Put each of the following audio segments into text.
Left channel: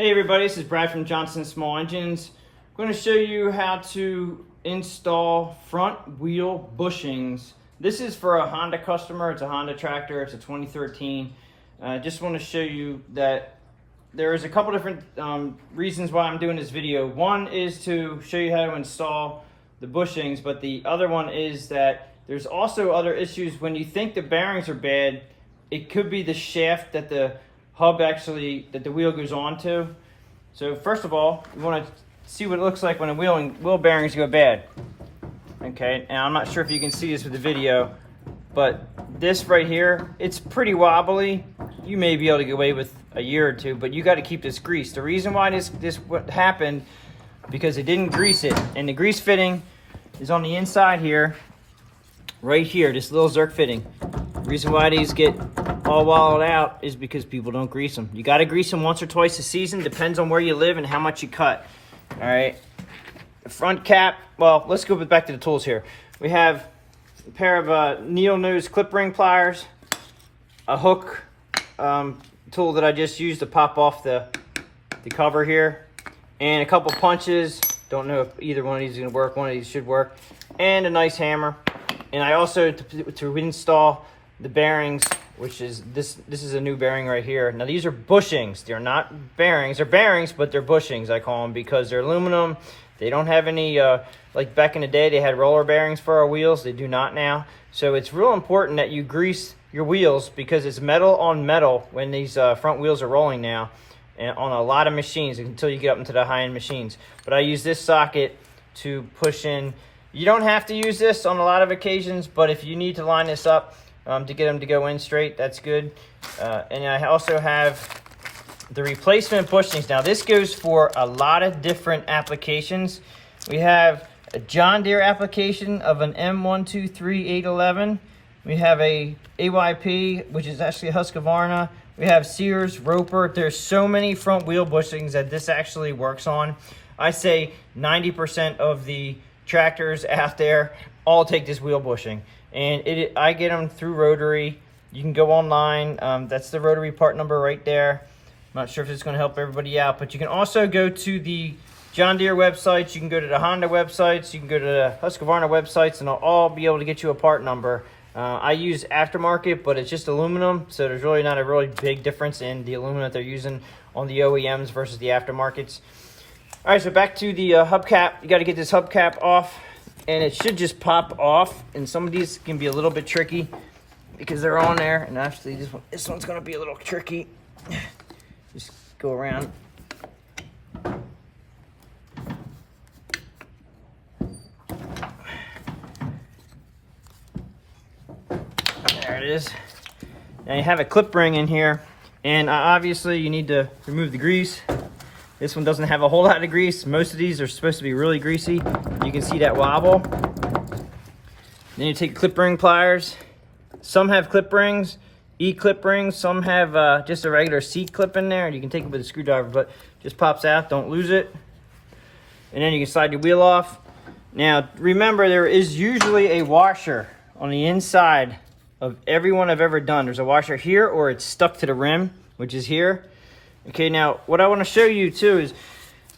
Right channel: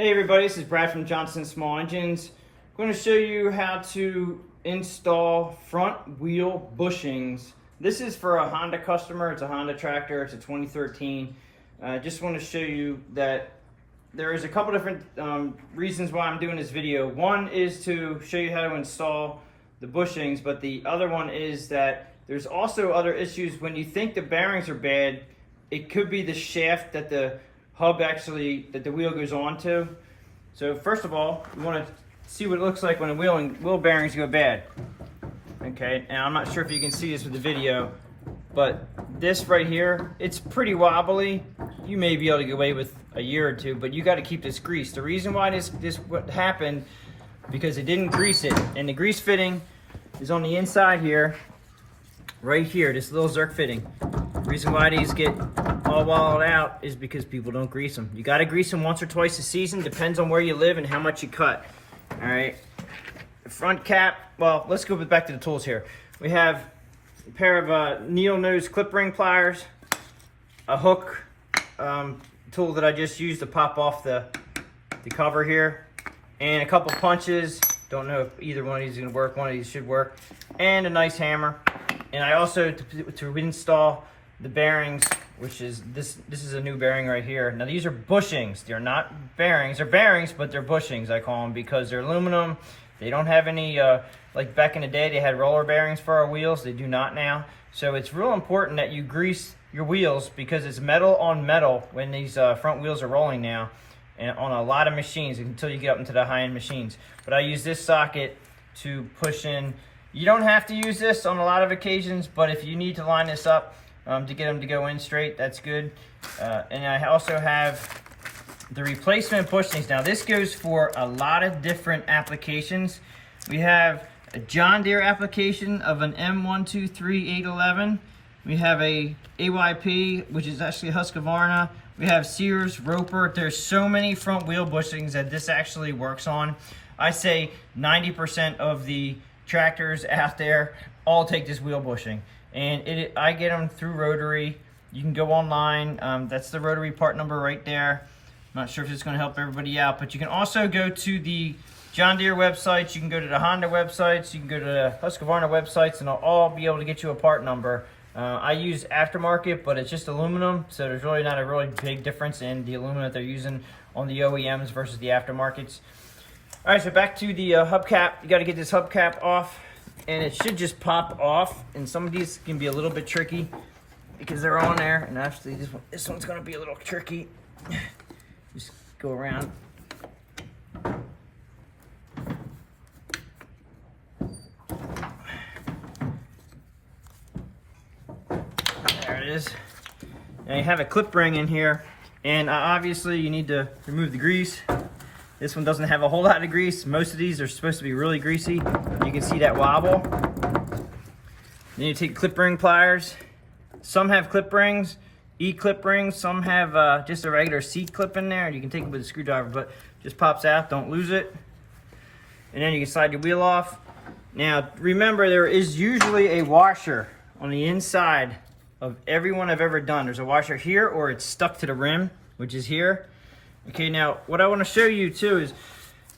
Hey everybody, this is Brad from Johnson Small Engines. I'm going to show you how to install front wheel bushings. This is for a Honda customer. It's a Honda tractor. It's a 2013. I just want to show you that there is a couple different reasons why I'm doing this video. One is to show you how to install the bushings, but the other one is that there's also other issues. When you think the bearings are bad, it could be the shaft that the hub that the wheel goes onto. So first of all, you want to see what it looks like when the wheel bearings go bad. Okay, now I'm not sure if you can see this with the video, but this right here, it's pretty wobbly. You may be able to get away with a year or two, but you got to keep this greased. The reason why this what happened, because it didn't grease it, and the grease fitting is on the inside here, right here, this little Zerk fitting. The reason why these get all wallowed out is because people don't grease them. You got to grease them once or twice a season, depends on where you live and how much you cut. All right, the front cap, well, let's go back to the tools here. We have a pair of needle nose clip ring pliers, a hook tool that I just used to pop off the cover here, and a couple punches. Don't know if either one of these is going to work. One of these should work, and a nice hammer. And I also, to install the bearings, which is this is a new bearing right here. Now these are bushings. They're not bearings. They're bearings, but they're bushings, I call them, because they're aluminum. They don't have any, like back in the day, they had roller bearings for our wheels. They do not now. So it's real important that you grease your wheels, because it's metal on metal when these front wheels are rolling now, and on a lot of machines until you get up into the high-end machines. But I use this socket to push in. You don't have to use this on a lot of occasions, but if you need to line this up to get them to go in straight, that's good. And I also have the replacement bushings. Now this goes for a lot of different applications. We have a John Deere application of an M123811. We have a AYP, which is actually a Husqvarna. We have Sears, Roper. There's so many front wheel bushings that this actually works on. I say 90% of the tractors out there all take this wheel bushing, and I get them through Rotary. You can go online. That's the Rotary part number right there. I'm not sure if it's going to help everybody out, but you can also go to the John Deere websites. You can go to the Honda websites. You can go to the Husqvarna websites, and they'll all be able to get you a part number. I use aftermarket, but it's just aluminum, so there's really not a really big difference in the aluminum that they're using on the OEMs versus the aftermarkets. All right, so back to the hubcap. You got to get this hubcap off, and it should just pop off. And some of these can be a little bit tricky because they're on there. And actually, this one's going to be a little tricky. Just go around. There it is. Now you have a clip ring in here, and obviously you need to remove the grease. This one doesn't have a whole lot of grease. Most of these are supposed to be really greasy. You can see that wobble. Then you take clip ring pliers. Some have clip rings, E-clip rings. Some have just a regular C clip in there. You can take it with a screwdriver, but just pops out. Don't lose it. And then you can slide your wheel off. Now, remember, there is usually a washer on the inside of every one I've ever done. There's a washer here, or it's stuck to the rim, which is here. Okay, now what I want to show you too is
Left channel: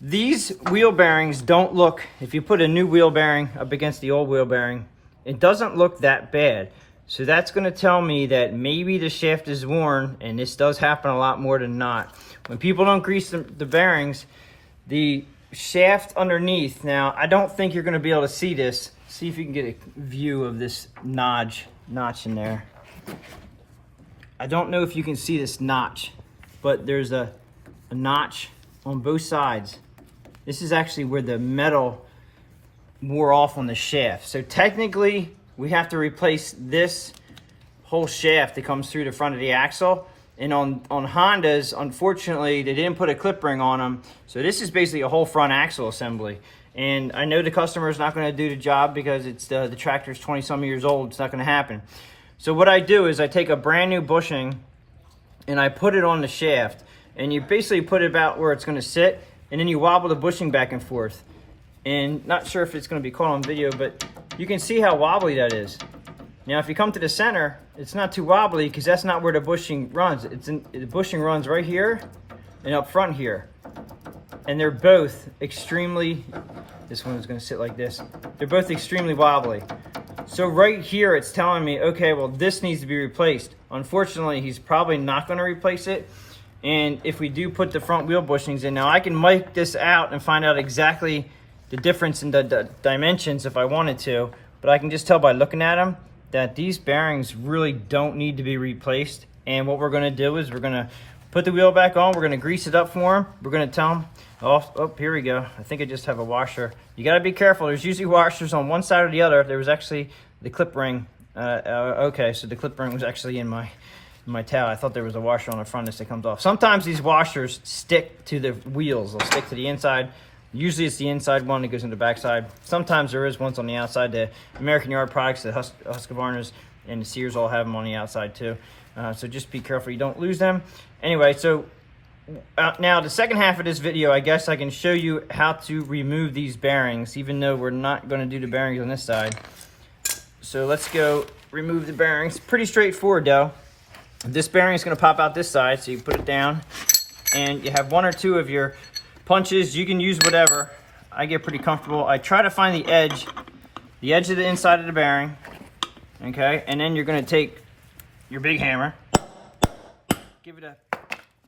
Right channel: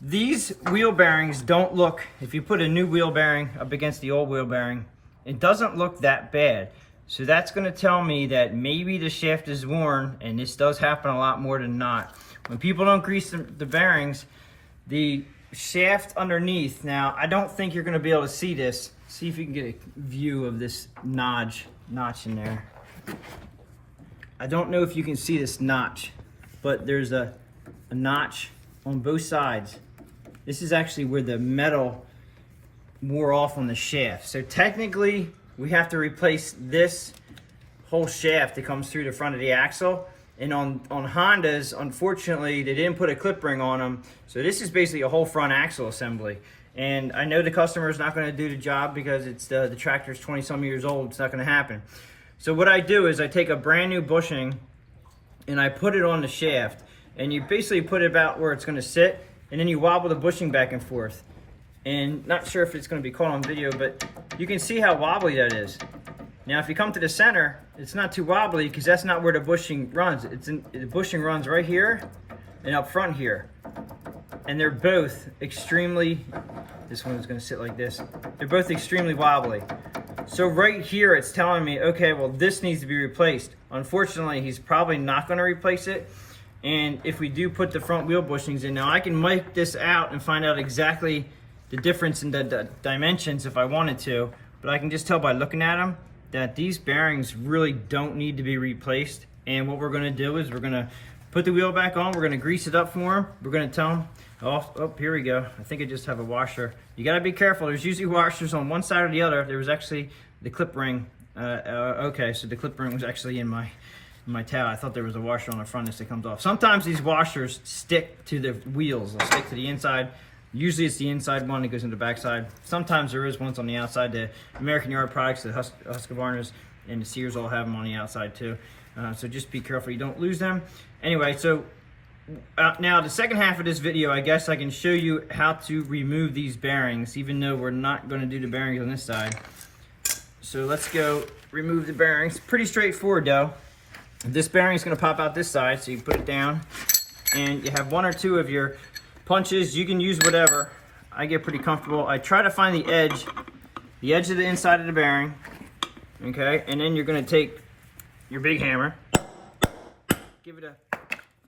these wheel bearings don't look, if you put a new wheel bearing up against the old wheel bearing, it doesn't look that bad. So that's going to tell me that maybe the shaft is worn, and this does happen a lot more than not. When people don't grease the bearings, the shaft underneath, now I don't think you're going to be able to see this. See if you can get a view of this notch in there. I don't know if you can see this notch, but there's a notch on both sides. This is actually where the metal wore off on the shaft. So technically, we have to replace this whole shaft that comes through the front of the axle. And on Hondas, unfortunately, they didn't put a clip ring on them. So this is basically a whole front axle assembly. And I know the customer is not going to do the job because it's the tractor's 20-some years old. It's not going to happen. So what I do is I take a brand new bushing and I put it on the shaft, and you basically put it about where it's going to sit, and then you wobble the bushing back and forth. And not sure if it's going to be caught on video, but you can see how wobbly that is. Now if you come to the center, it's not too wobbly because that's not where the bushing runs. The bushing runs right here and up front here. and they're both extremely, this one's gonna sit like this, they're both extremely wobbly. So right here it's telling me, okay, well this needs to be replaced. Unfortunately, he's probably not gonna replace it. And if we do put the front wheel bushings in, now I can mic this out and find out exactly the difference in the dimensions if I wanted to, but I can just tell by looking at them that these bearings really don't need to be replaced. And what we're gonna do is we're gonna put the wheel back on, we're gonna grease it up for him, we're gonna tell him, oh, here we go. I think I just have a washer. You gotta be careful, there's usually washers on one side or the other. There was actually the clip ring. Okay, so the clip ring was actually in my towel. I thought there was a washer on the front that comes off. Sometimes these washers stick to the wheels. They'll stick to the inside. Usually it's the inside one that goes in the backside. Sometimes there is ones on the outside. The American Yard products, the Husqvarnas and the Sears all have them on the outside too. So just be careful you don't lose them. Anyway, so now the second half of this video, I guess I can show you how to remove these bearings, even though we're not going to do the bearings on this side. So let's go remove the bearings. Pretty straightforward though. This bearing is going to pop out this side, so you put it down, and you have one or two of your punches. You can use whatever. I get pretty comfortable. I try to find the edge of the inside of the bearing, okay? And then you're going to take your big hammer, give it a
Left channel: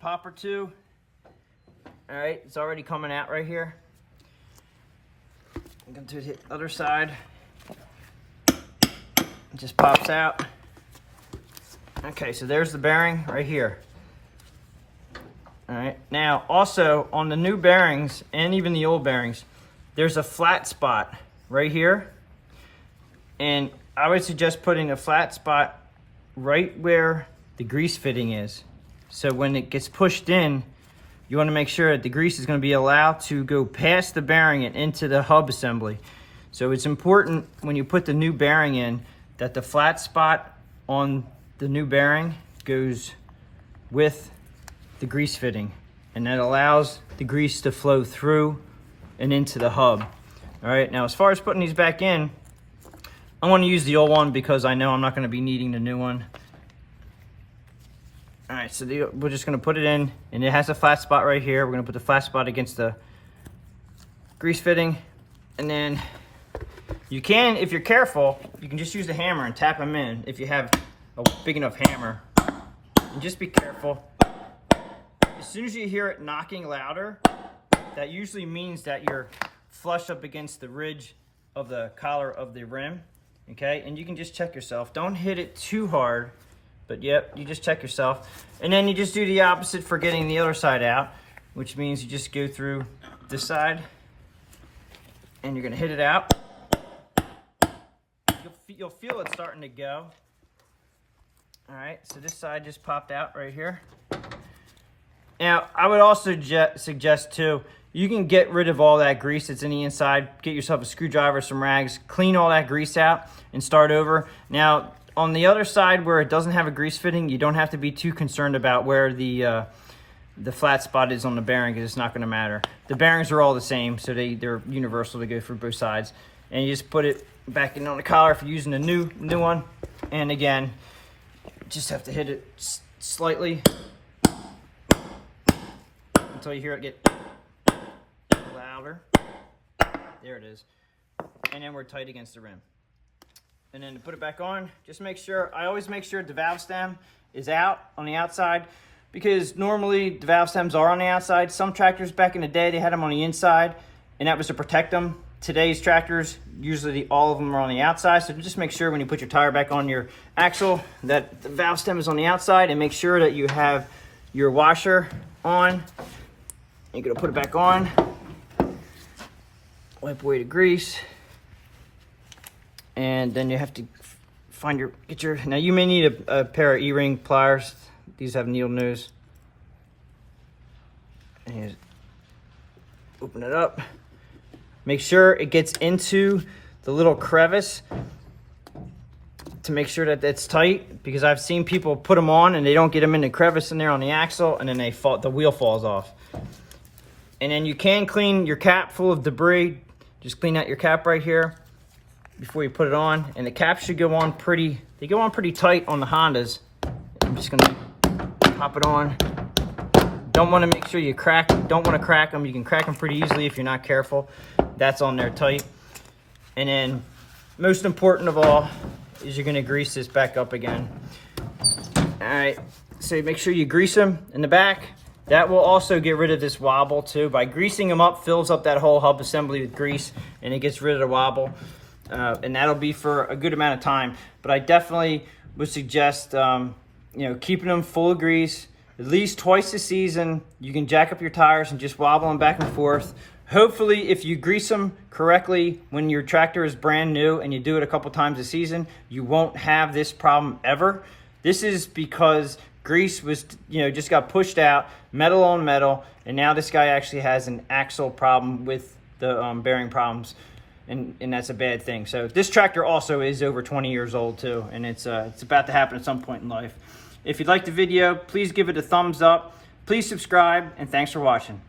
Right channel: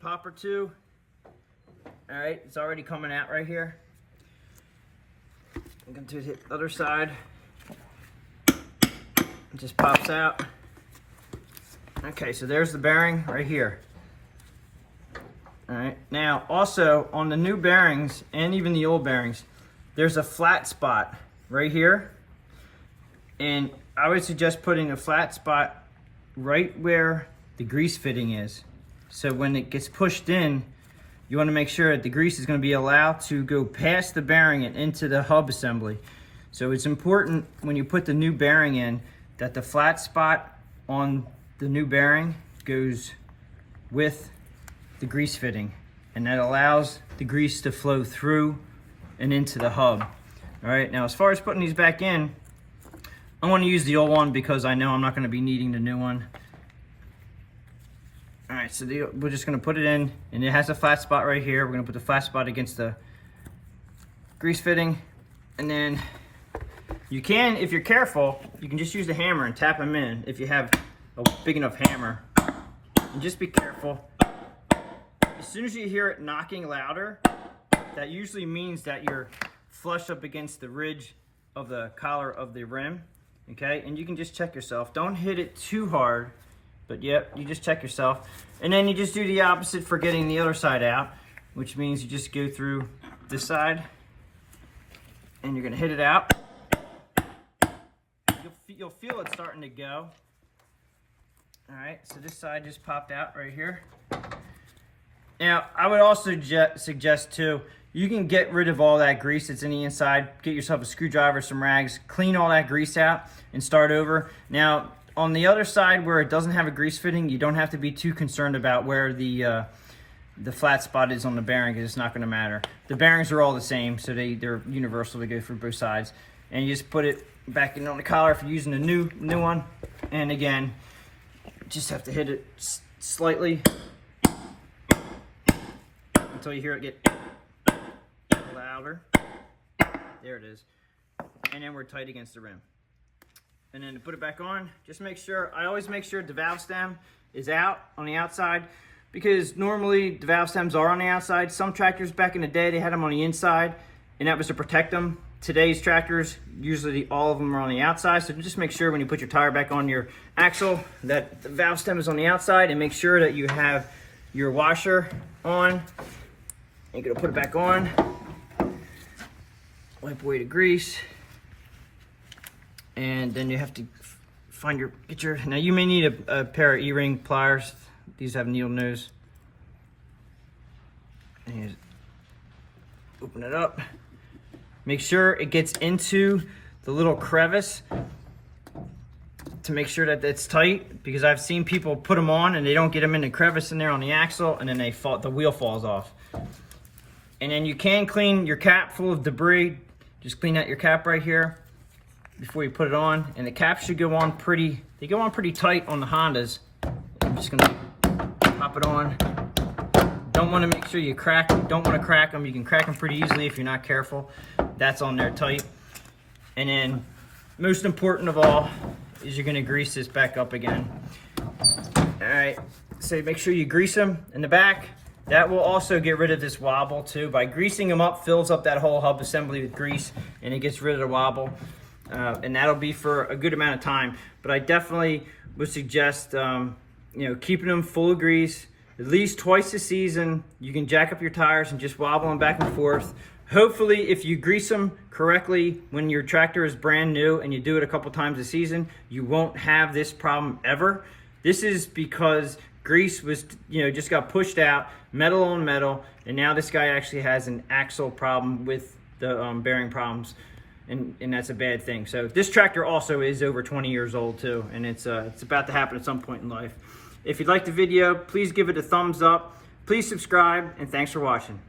pop or two. All right, it's already coming out right here. I'm going to hit the other side. It just pops out. Okay, so there's the bearing right here. All right, now also on the new bearings and even the old bearings, there's a flat spot right here. And I would suggest putting a flat spot right where the grease fitting is. So when it gets pushed in, you want to make sure that the grease is going to be allowed to go past the bearing and into the hub assembly. So it's important when you put the new bearing in that the flat spot on the new bearing goes with the grease fitting, and that allows the grease to flow through and into the hub. All right, now as far as putting these back in, I want to use the old one because I know I'm not going to be needing the new one. All right, so we're just going to put it in, and it has a flat spot right here. We're going to put the flat spot against the grease fitting, and then you can, if you're careful, you can just use the hammer and tap them in if you have a big enough hammer. And just be careful. As soon as you hear it knocking louder, that usually means that you're flush up against the ridge of the collar of the rim, okay? And you can just check yourself. Don't hit it too hard, but yep, you just check yourself. And then you just do the opposite for getting the other side out, which means you just go through this side, and you're gonna hit it out. You'll feel it starting to go. All right, so this side just popped out right here. Now, I would also suggest too, you can get rid of all that grease that's in the inside, get yourself a screwdriver, some rags, clean all that grease out and start over. Now, on the other side where it doesn't have a grease fitting, you don't have to be too concerned about where the flat spot is on the bearing, because it's not gonna matter. The bearings are all the same, so they're universal to go through both sides. And you just put it back in on the collar if you're using a new one. And again, just have to hit it slightly until you hear it get louder. There it is. And then we're tight against the rim. And then to put it back on, just make sure, I always make sure the valve stem is out on the outside, because normally the valve stems are on the outside. Some tractors back in the day, they had them on the inside, and that was to protect them. Today's tractors, usually all of them are on the outside, so just make sure when you put your tire back on your axle that the valve stem is on the outside, and make sure that you have your washer on. You're gonna put it back on, wipe away the grease, and then you have to find now you may need a pair of E-ring pliers. These have needle nose. And open it up. Make sure it gets into the little crevice to make sure that it's tight, because I've seen people put them on and they don't get them in the crevice in there on the axle, and then the wheel falls off. And then you can clean your cap full of debris. Just clean out your cap right here before you put it on. And the cap should go on they go on pretty tight on the Hondas. I'm just gonna pop it on Don't want to make sure you don't want to crack them. You can crack them pretty easily if you're not careful. That's on there tight. And then most important of all is you're going to grease this back up again. All right, so make sure you grease them in the back. That will also get rid of this wobble too. By greasing them up, fills up that whole hub assembly with grease, and it gets rid of the wobble. And that'll be for a good amount of time. But I definitely would suggest keeping them full of grease at least twice a season. You can jack up your tires and just wobble them back and forth. Hopefully, if you grease them correctly when your tractor is brand new and you do it a couple times a season, you won't have this problem ever. This is because grease was, just got pushed out, metal on metal, and now this guy actually has an axle problem with the bearing problems, and that's a bad thing. So this tractor also is over 20 years old too, and it's about to happen at some point in life. If you liked the video, please give it a thumbs up. Please subscribe, and thanks for watching.